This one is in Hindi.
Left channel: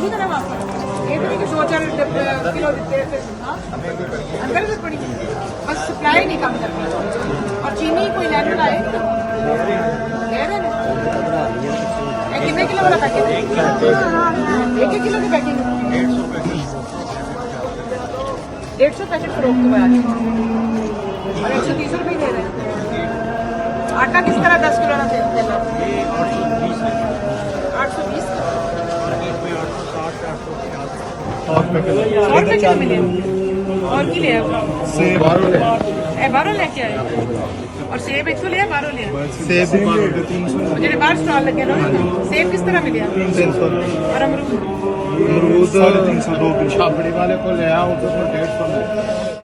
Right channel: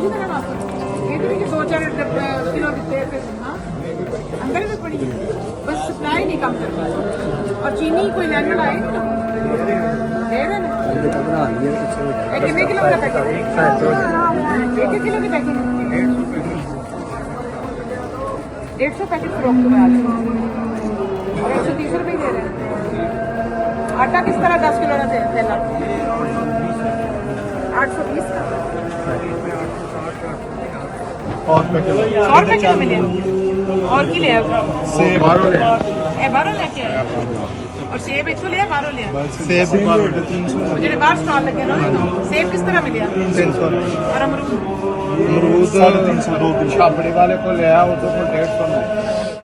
इसी तरह वापस ये तो नहीं कि 2-4 किलो देते हैं फिर ना अंदर से पड़ी बस सप्लाई नहीं काम करनी और चीनी कोई नैनो लाए दे रहे हैं कितने किलो वाला पैकेट है 1 किलो की पैकिंग 150 पैकेट फरोख्त हुआ है और 130 रुपये दे रहे हैं आटा किस तरह 10 किलो का देना 820 का 100 रुपये किलो मिले और की ले बारह लेके आए और सेब 100 लिया 12 लिया सेब 300 जेडे बाहर स्टॉल लगे ना सेब किस तरह मिले 300 और अमरूद 350 छाबड़ी वाले को ले आओ तो 150 में